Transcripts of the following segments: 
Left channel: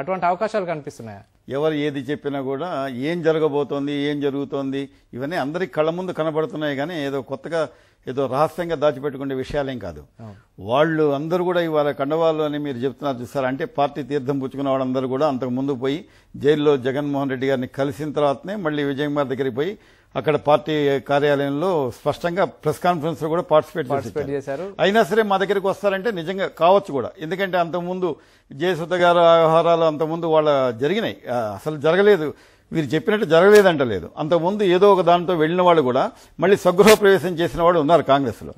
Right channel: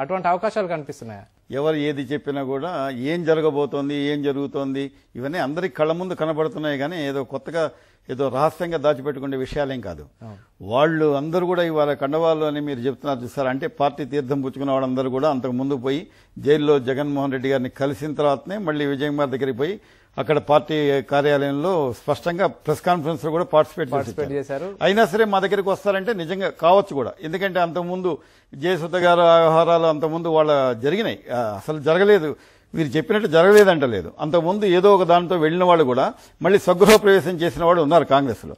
అటువంటి అవకాశాలు కనిపిస్తున్నాయి. ఎవరు ఏది చెప్పినా కూడా ఏం జరగబోతోంది, ఏం జరుగుతోంది, ఇవన్నీ అందరికి కళ్ళ ముందు కనబడుతున్నాయి. కానీ ఏదో కొత్తగా ఏదో రహస్యంగా దాచిపెట్టుకునే విషయాలేం కాదు. వాళ్ళు అందరూ కూడా ఇవాళ కండవాళ్ళు అని మీరు చెప్తున్నారు సార్. అంటే పార్టీ తీర్థం పుచ్చుకున్న వాళ్ళందరూ కూడా అంతకు ముందు పోయి జైల్లో జగన్మోహన్ రెడ్డి గారిని కలిసిన తర్వాతనే మళ్ళీ విజయకుమార్ దగ్గరికి పోయి అక్కడ పార్టీ కార్యాలయంలో స్పష్టంగా ప్రెస్ కాన్ఫరెన్స్ లో కూడా పార్టిసిపేట్ చేశారు. అయినా సరే మా దగ్గరికి వస్తారంటే నిజంగా కావచ్చు కూడా. ఎందుకంటే అంతకుముందు జయసుధ గారు వ్యవహారాలు అంతకుముందు వాళ్ళ జరిగినాయి. అసలు జరగలేదు, వీరు చెప్పినట్టు జరగలేదంటలేదు. అంతకుముందు ఏదో ఒక దాంతో వెళ్లిన వాళ్ళు కూడా మళ్ళీ స్వగృహ ప్రవేశం చేసిన వాళ్ళు ఉన్నారు కాంగ్రెస్ లో.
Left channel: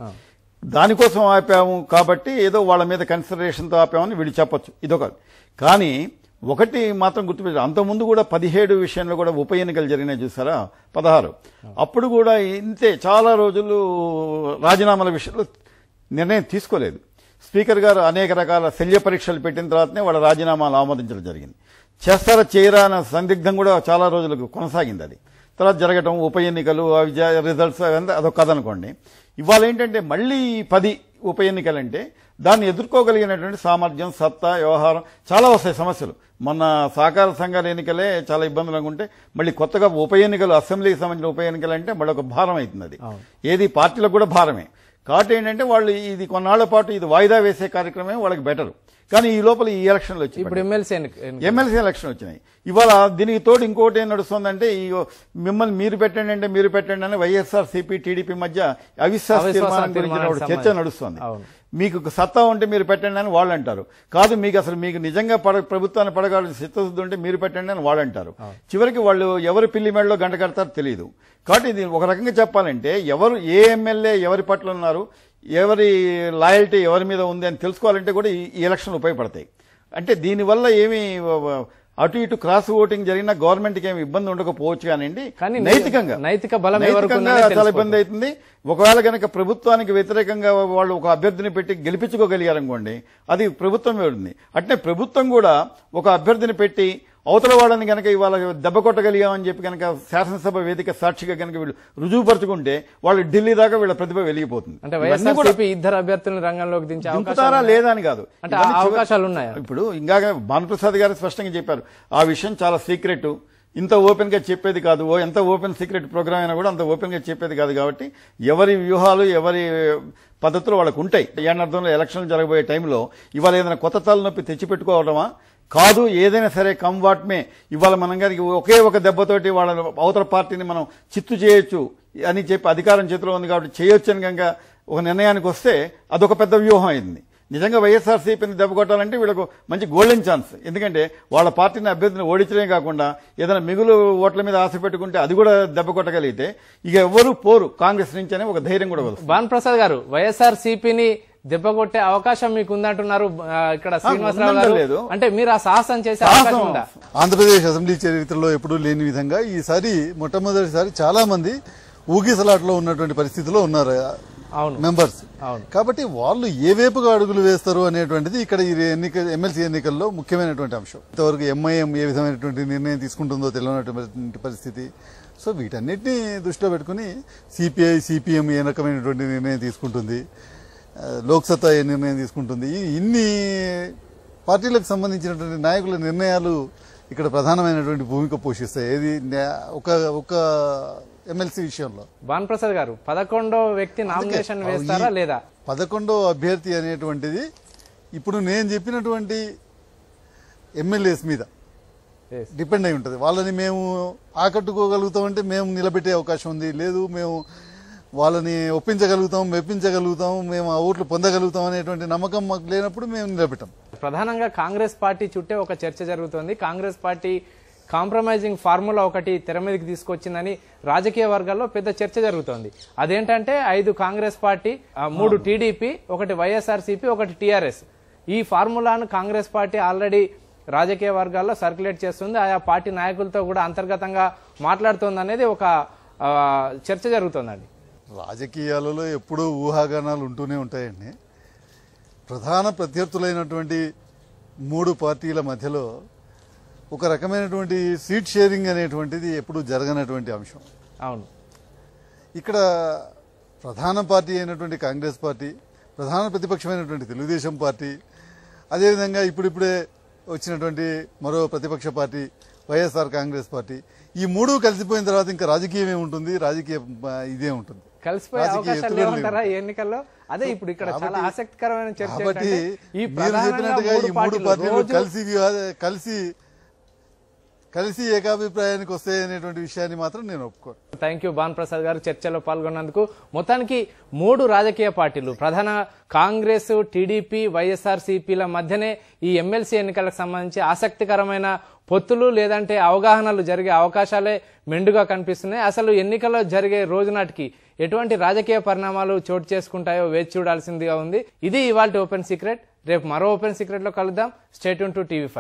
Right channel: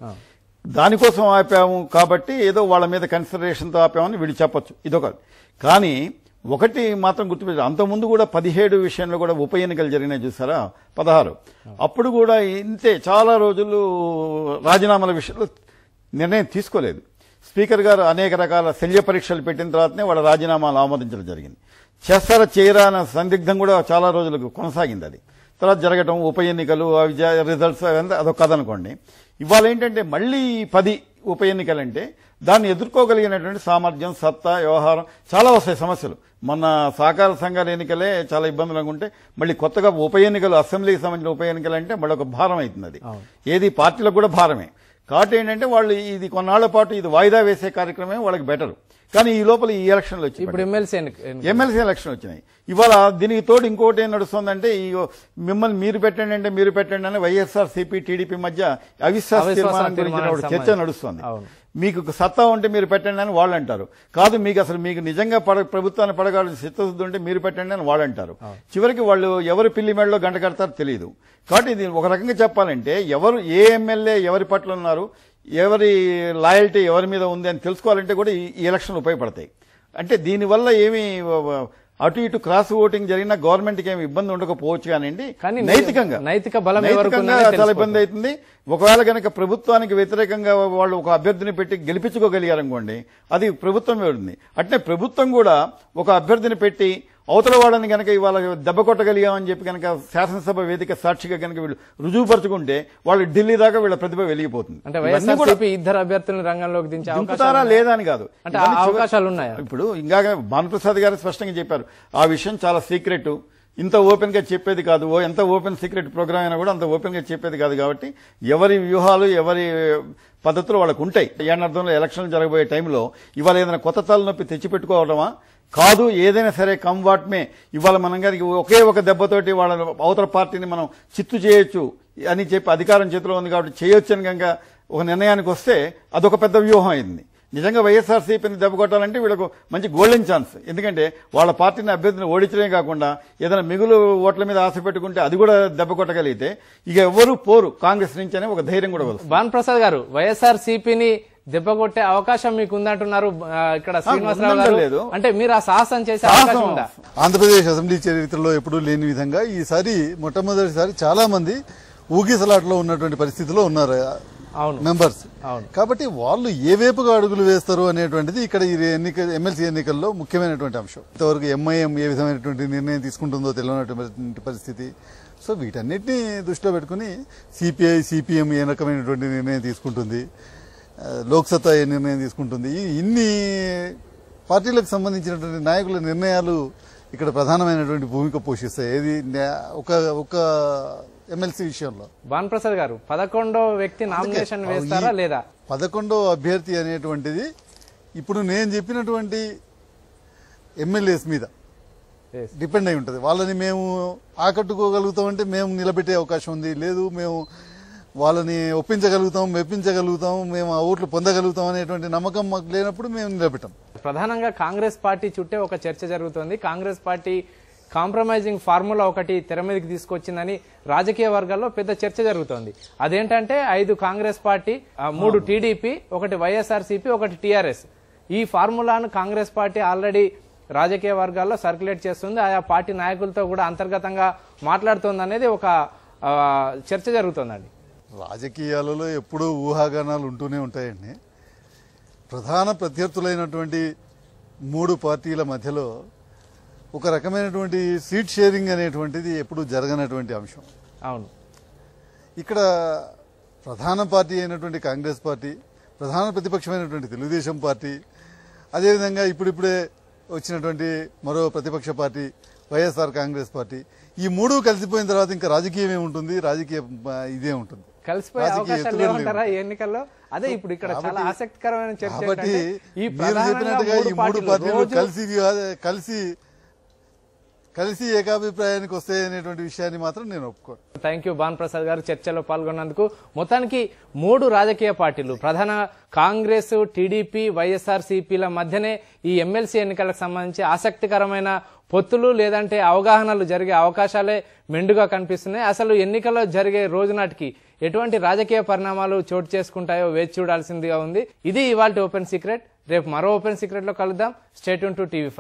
దానికోసం ఆపాము కాబట్టి ఏదో వాళ్ళ మీద కన్సిడరేషన్ తో ఆపామని వీళ్ళు చెప్పొచ్చు, ఇదొక. కానీ ఒకటి మాత్రం గుర్తుపెట్టారు, అంతకుముందు కూడా 17 విషయంలో కూడా ఉప ఎన్నికలు జరిగినాయి చూసారా, 16. అప్పుడు కూడా ఇంతే చాలా రోజులు రాజీనామాల విషయంలో నిర్ణయం తీసుకోలేదు. స్పీకర్ గారు అనేక రకాల శల్య పరీక్షలు పెట్టిన తర్వాతనే వాళ్ళ రాజీనామాను ఆమోదించడం జరిగింది. చేస్తారా చేయరా అన్న సందిగ్ధం కూడా చాలా రోజులకు కొనసాగింది. అది తర్వాత జరగటం ఉప ఎన్నికలు రిజల్ట్స్ అదొక కథ అనుకోండి. ఇవాళ ఏంటంటే మళ్లీ 10 ఉప ఎన్నికలంటే దాన్ని ఎదుర్కోగలిగినటువంటి సామర్థ్యం, సత్తా, వ్యవహారం చాలా వస్తాయి సమస్యలు. మన సహకార సంఘాల ఎన్నికలే చాలా ఇబ్బందులు ఉంటే మళ్ళీ కొత్తగా ఉప ఎన్నికలు, అసెంబ్లీకి సంబంధించిన ఉప ఎన్నికలు అంటే మరొక భారం అవుతుంది. అది ఏది పార్టీలకు కూడా భారమే. కాబట్టి ఏంటంటే వాళ్ళు ఇది కొన్నాళ్ల పాటు ఇది వాయిదా వేసే కార్యక్రమమే వాళ్ళకి బెటర్. కానీ ఈ లోపల ఈ ఎలక్షన్లు వచ్చాయి, ఎమ్మెల్సీ ఎలక్షన్ వచ్చినాయి. ఇవాళ దీనికి తోడు ఇంకోటి ఏం నడుస్తుందంటే మిమ్మల్ని మీరు పెట్టండి అంటే మీరు పెట్టండి అని వైఎస్ఆర్ సిపి టీడీపీ మధ్య అవిశ్వాస తీర్మానం గురించి చర్చ నడుస్తుంది. మీకు సత్తా ఉంటే మీరు పెట్టండి అని వాళ్ళు అంటారు. కాదు మీకు అసలు మీకు నిజంగా ప్రభుత్వాన్ని పడగాలి చిత్తశుద్ధి ఉంటే మీరు పెట్టండి అని వాళ్ళు అంటారు. చివరికి వాళ్ళు ఎవరు పిల్లి మెడలో గంట కడతారో తెలియదు. కాబట్టి దీన్ని ఒక రకంగా చెప్పాలంటే ఎవరు ఏ ఎమ్మెల్యే ఎవరి పట్ల ఉన్నారు, ఎవరి లాయల్టీ ఎవరి మీద ఉంది అని తెలుసుకోవాలంటే కూడా ఈ ఎలక్షన్ ఉపయోగపడతాయి. అంటే దీనివల్ల ఏమి అటు ఇటు క్రాస్ ఓటింగ్ జరిగినా గవర్నమెంట్ కి ఏమి ఇబ్బంది ఉండకపోవచ్చు అనండి. నైతికంగా చాలా ఇబ్బంది అవుతుంది. ఒకవేళ కనుక ప్రభుత్వానికి వ్యతిరేకంగా వాళ్ళు ఒక అభ్యర్థిని పెట్టి గెలిపించుకోగలిగారనుకోండి, అది ప్రభుత్వమే ఉంటుంది. అంటే ప్రభుత్వం కూడా ఒక అభ్యర్థిని పెట్టి అవతల వాడని కనుక ఇవాళ దెబ్బ కొట్టగలిగామని చెప్పి కనుక శాసనసభ వేదిక సాక్షిగా కనుక వీళ్ళు రుజువుపరుచుకుంటే వాళ్ళు ఢిల్లీ దాకా వీళ్ళ ప్రతిభ వెలిగిపోతుంది. ఇద్దరు అభ్యర్థులు రంగంలోకి దించుతారా లేదా అని కాదు, అవకాశాలు ఉన్నాయి. ఇప్పుడు ఇంకా భానుప్రసాద్ గారు స్పష్టంగా చెప్పారు, ఆ విషయం చాలా సీక్రెట్, ఇంత ఓపెన్ గా చెప్పేది కాదు. ఎంత ఓపెన్ సీక్రెట్ ప్రోగ్రామ్ అయినా కూడా అంత ఓపెన్ గా చెప్పేది కాదు. కాబట్టి ఎవరి వ్యూహాలు ఎవరి పద్ధతులు వాళ్ళకు ఉంటాయి. అర్థంలో ఎలక్షన్లు జరగబోయే టైంలో ఇవాళ ఏదైనా కొత్త తలనొప్పి తెచ్చిపెట్టుకోవడమా కాదు, ఏదైనా సరే కమ్ వాట్ మే. ఇవాళ మనం గారికి ఒకే ఒక దెబ్బతోటి వాళ్ళ అవతల పార్టీని మనం చిత్తు చేయొచ్చు అని చెప్పి అధికారం చేతిలో ఉంది కాబట్టి చేయొచ్చు అని కనుక ఒక నిర్ణయానికి వస్తే అదొక పెద్ద వ్యూహం అయింది. నిజంగా వైఎస్ఆర్సీపీని దెబ్బ కొట్టాలంటే వీళ్ళకు మంచి గోల్డెన్ ఛాన్స్. ఎందుకంటే వాళ్ళ పార్టీని అభ్యర్థిని ఓడించడమే కాకుండా ఏదైనా మిగులు ఓట్ల మీద ఆశ పెట్టుకుంటే అది కూడా దెబ్బ కొట్టగలిగితే ఇక ఎవరు పోరు కాంగ్రెస్ నుంచి అనే ఒక ధైర్యం కూడా వస్తుంది. భానుప్రసాద్ గారు, వైఎస్ఆర్సీపీని దెబ్బ కొట్టే అవకాశం మీకు ఉందంటున్నారు ఇక్కడ శ్రీనివాసరావు గారు. అంటే మీరు ఆ సాహసం చేసే అవకాశం ఉందా? ఆంధ్రప్రదేశ్ అసెంబ్లీ చరిత్రలో ఎప్పుడూ లేని విధంగా ఈసారి మొట్టమొదటిసారి చాలా మంది ఊగిసలాట్లో ఉన్నటువంటి పరిస్థితిలో ఉన్నారు మెంబర్స్. కాబట్టి వాళ్ళు ఏ వైపుగా అడుగులు వేస్తారు అనేటువంటిది ఇక్కడ ఈ ఎమ్మెల్సీ ఎన్నికల్లో ముఖ్యమైనటువంటి అంశం. ఇంతవరకు ఎంఐఎం ఏ విధమైనటువంటి నిర్ణయం తీసుకుంటుందో తెలియనటువంటి పరిస్థితి. సో వీటన్నిటిని దృష్టిలో పెట్టుకుని సిపిఐ సిపిఎం ఏ రకమైనటువంటి నిర్ణయం తీసుకుంటుంది, లోక్సత్తా ఏ నిర్ణయం తీసుకుంటుంది, ఇన్ని పార్టీలకు సంబంధించినటువంటి నాయకుల నిర్ణయాలు ఇక్కడ ప్రధానమైనటువంటి భూమిక పోషిస్తాయి. ఏది ఒక ఎమ్మెల్సీ విషయంలో. భానుప్రసాద్ గారు, 11వ వ్యక్తి నామినేషన్ వేస్తారా లేదా? 11వ అభ్యర్థి అనేటువంటిది ఇప్పుడు నేను చెప్పినటువంటి ఎమ్మెల్యేస్ మీద డిపెండ్ అయి ఉంటుంది. వాళ్ళని మేము ఆకట్టుకోగలుగుతామంటే మేము నిలబెట్టే అవకాశం ఉంది, లేదు మేము వాళ్ళని ఒప్పించగలుగుతాం, మెప్పించగలుగుతాం, మేము ఆ ఓట్లు పొందగలుగుతాం అనేటువంటి నమ్మకం మాకు లేనప్పుడు మేము నిలబెట్టాం. ప్రధానంగా కాంగ్రెస్ పార్టీ చుట్టే ఒక చర్చ జరుగుతుంది. కాంగ్రెస్ పార్టీ కాంప్రమైజింగ్ ఫార్ములా ఒకటి తెర మీదకి తీసుకొచ్చిందని రాజకీయ వర్గాల్లో పెద్ద చర్చ జరుగుతోంది. అదేంటంటే 5 Congress party, 3 TDP, 1 YSRCP, 1 TRS. ఈ ఫార్ములాను కాంగ్రెస్ పార్టీ ఆల్రెడీ రాజకీయ వర్గాల్లో సర్క్యులేట్ చేస్తుంది. ఆయా పార్టీ నాయకులతో కూడా అంతర్గతంగా మాట్లాడుతోంది అనేది ఒక చర్చ జరుగుతోందండి. రాజకీయాలలో ఎప్పుడూ ఊహాగానాలు ఉంటూనే ఉంటాయండి. ప్రధాన ప్రత్యర్థులైనటువంటి 3 పార్టీల మధ్యలో ఒక రకమైనటువంటి సీట్ షేరింగ్ అనేటువంటిది ఎప్పుడు జరగనటువంటి అంశం. అవును, ఇక్కడ ప్రధాన పార్టీ అయినటువంటి కాంగ్రెస్ పార్టీ, ప్రధాన ప్రతిపక్షమైనటువంటి తెలుగుదేశం పార్టీ, అదేవిధంగా ఇప్పుడిప్పుడే వచ్చినటువంటి మరో ప్రతిపక్ష పార్టీ వైఎస్ఆర్ కాంగ్రెస్ పార్టీ. ఈ మూడు కలిసిపోయిన తర్వాత ఇంకా రాజకీయం ఏముంటుంది, రాజకీయ ఇదే ఉంటుంది, కలిసిపోయే అవకాశాలు ఏమంటారా ఎన్నికల్లో? అదే ఇప్పుడు ఇక్కడ చాలా ఆసక్తికరమైన చర్చ. కాబట్టి మీరు చెప్పినట్టుగా ఈ మూడు పార్టీలు కలిసి ఏకాభిప్రాయానికి వస్తాయి అనేటువంటి విషయాన్ని మాత్రం నేను ఒప్పుకోను. థ్యాంక్ యూ భాను ప్రసాద్ గారు చర్చలో పాల్గొన్నందుకు. మొత్తానికి మూడు రాజకీయ పార్టీలు, ప్రధాన కాంగ్రెస్, టీడీపీ, వైఎస్ఆర్సీపీల మధ్యనే ఈ ఎమ్మెల్సీ ఎన్నికలకు సంబంధించి ఆసక్తికరమైన పొత్తులు లేదంటే అవగాహనలు జరిగే అవకాశాలే మెండుగా కనిపిస్తున్నాయి. అసలు ఎన్నికల్లో జరిగే రోజు నాటికి ఎటువంటి రాజకీయ పరిణామాలు చోటు చేసుకుంటాయో వేచి చూడాల్సిందిగా ఉంది. ఇది ఇవాళ ఓపెన్ సీక్రెట్. రేపు మరో ఓపెన్ సీక్రెట్ లో కలుద్దాం. Stay tune to TV5.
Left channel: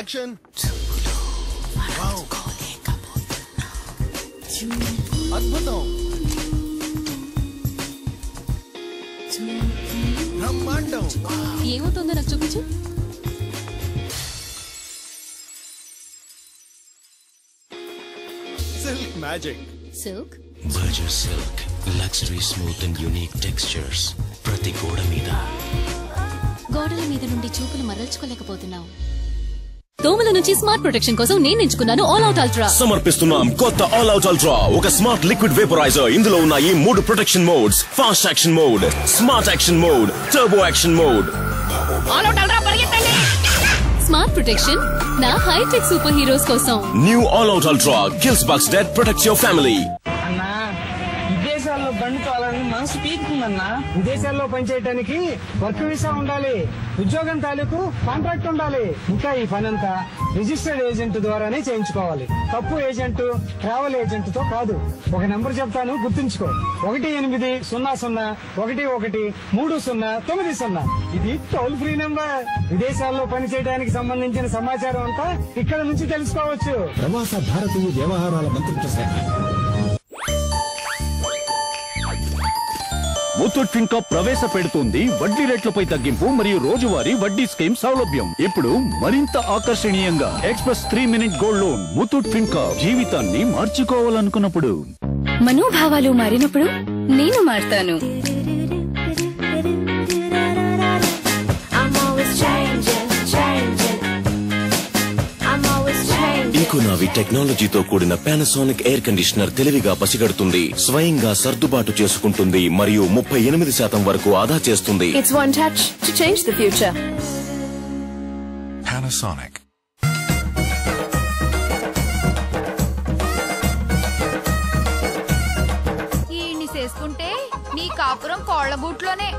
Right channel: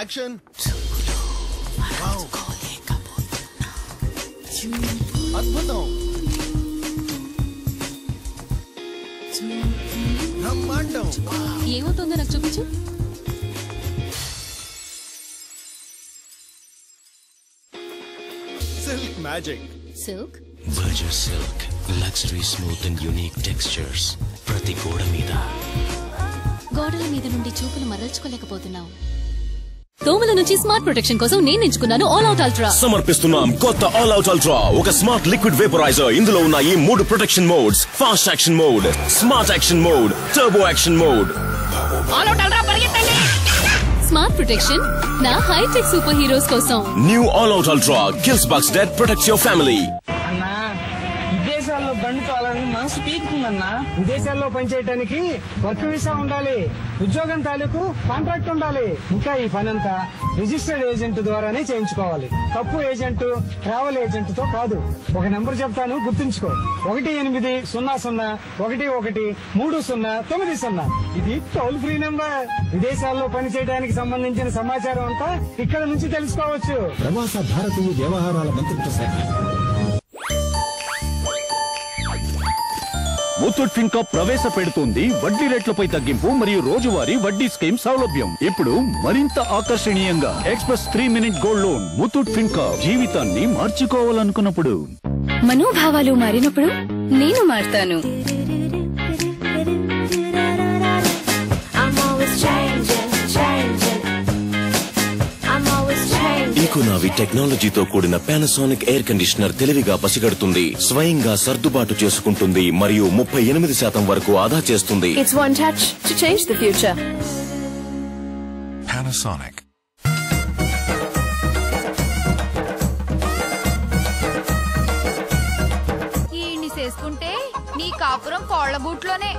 Action! అద్భుతం! బ్రహ్మాండం! ఏమవుతుందో నాకు చూపించు. Silk magic! Silk Virgin Silk, luxury smooth and unique textures. ప్రతి గోడ మీద గోడల మీద నుండి చూపులు మరల్చుకోలేకపోతున్నావు. దోమల నుంచి స్మార్ట్ ప్రొటెక్షన్ కోసం నేను ఎంచుకున్నాను ఆల్ అవుట్ అల్ట్రా. సమర్పిస్తున్నాం కొత్త ఆల్ అవుట్ అల్ట్రా, ఒక స్మార్ట్ లిక్విడ్ వేపరైజర్. ఇందులో ఉన్న ఈ 3 protection modes: fast action mode, smart action mode, turbo action mode. Smart protection నా హైటెక్ సూపర్ హీరోస్ కోసం. New all out ultra gives bus that protects your family. విదేశాల్లో పనిచేయాలని మనసు పీకుతుందన్నా. విదేశాల్లో పనిచేయడానికి వర్క్ వీసా ఉండాలి, ఉద్యోగం తాలూకు కాంట్రాక్ట్ ఉండాలి. ఇంకా ఈ పనంతా రిజిస్టర్డ్ ఏజెంట్ ద్వారానే చేయించుకోవాలి. తప్పు ఏజెంట్, ట్రావెల్ ఏజెంట్ తో కాదు. ఒక నెంబర్ చెప్తాను, గుర్తుంచుకో. 1800-11-30-9. ఇది టోల్ ఫ్రీ నెంబర్. విదేశాల్లో పనిచేయడానికి సంబంధించిన సమాచారం అంతా ఇక్కడ నుంచి తెలుసుకోవచ్చు. ప్రవాస భారతీయ వ్యవహారాల మంత్రిత్వ శాఖ. ముత్తూట్ ఫిన్కా ప్రవేశపెడుతుంది వడ్డీ రేట్లపై తగ్గింపు మరియు రోజువారీ వడ్డీ స్కీమ్ సౌలభ్యం. ఇప్పుడు మరింత ఆకర్షణీయంగా express 3 minute gold loan. Muthoot Fincorp, జీవితాన్ని మార్చుకోవాలనుకున్నప్పుడు. మనోభావాలు మారినప్పుడు నేను మారుతాను. ఈకోనావి టెక్నాలజీతో కూడిన పానాసోనిక్ ఎయిర్ కండిషనర్ తెలివిగా పసిగడుతుంది, స్వయంగా సర్దుబాటు చేసుకుంటుంది మరియు 38% వరకు ఆదా చేస్తుంది. It's one touch to change the future. Panasonic. ఈయన్ని చేసుకుంటే నీ కాపురం కోళ్లబూట్లోనే.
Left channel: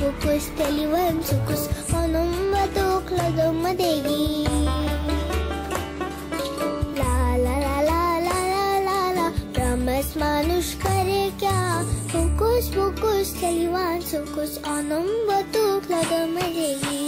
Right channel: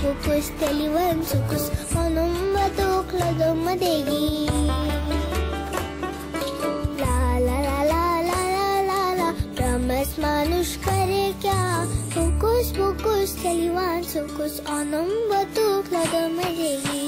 Sukus kelivan sukus onum badokla domadegi la la la la la la la ramas manush kare kya sukus kelivan sukus onum badokla domadegi.